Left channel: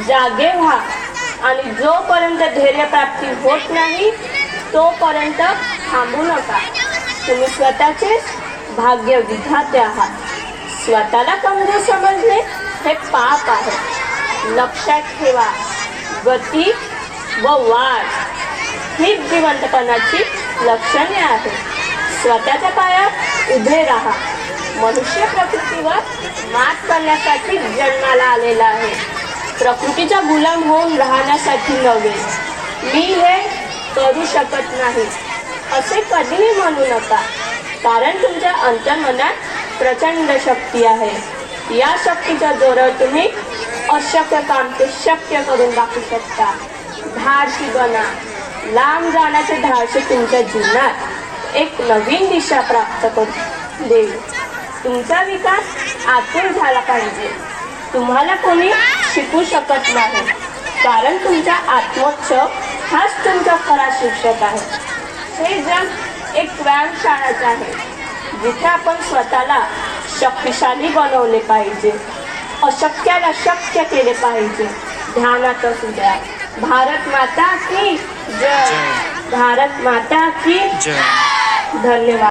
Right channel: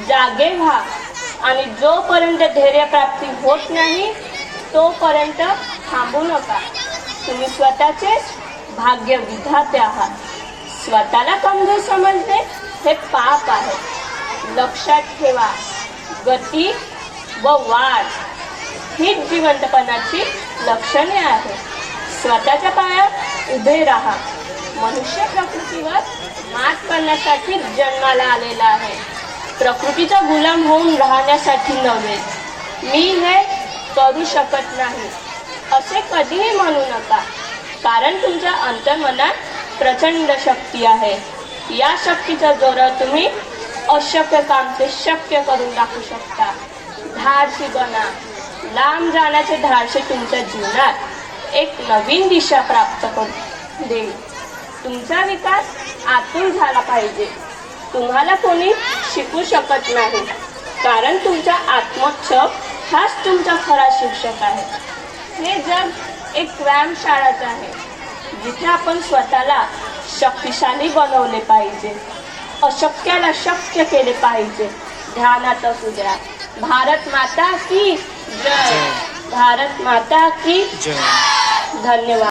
जागे व्हा आणि जोपर्यंत धैर्य प्राप्ती होत नाही तोपर्यंत थांबू नका. तुम्ही स्वतःचेच भाग्य विधाते आहात. स्वतःला कमजोर समजणे हे पाप आहे. लक्षात ठेवा, गती व वाढ ही जिवंतपणाची लक्षणे आहेत. स्वतःच्या पायात उभे राहा. मनुष्य प्रकृतीवर मात करण्यासाठी जन्माला आलेला आहे, प्रकृतीचा गुलाम होऊन राहण्यासाठी नव्हे. मी हे करू शकत नाही असे कधीही म्हणू नका, कारण तुमच्या अंतर्मनात प्रचंड शक्ती आहे. या शक्तीच्या जोरावर तुम्ही अशक्य काम ते शक्य करून दाखवू शकता. धाडसी बना. लांब जाण्याचे धाडसे तुमच्या जीवनात एक नवीन दिशा प्राप्त करून देईल. तुमचा विकास आतून झाला पाहिजे. तुम्हाला कोणी शिकू शकत नाही, कारण तुमचा आत्मक्ष हाच तुमचा खरा शिक्षक आहे. हे जग एक व्यायामशाळाच आहे, जिथे आपण स्वतःला शक्तिशाली बनवले पाहिजे, अशक्याला शक्य केले पाहिजे. ध्यानात असू द्या. भारत माता की जय. भारत माता की जय. धन्यवाद.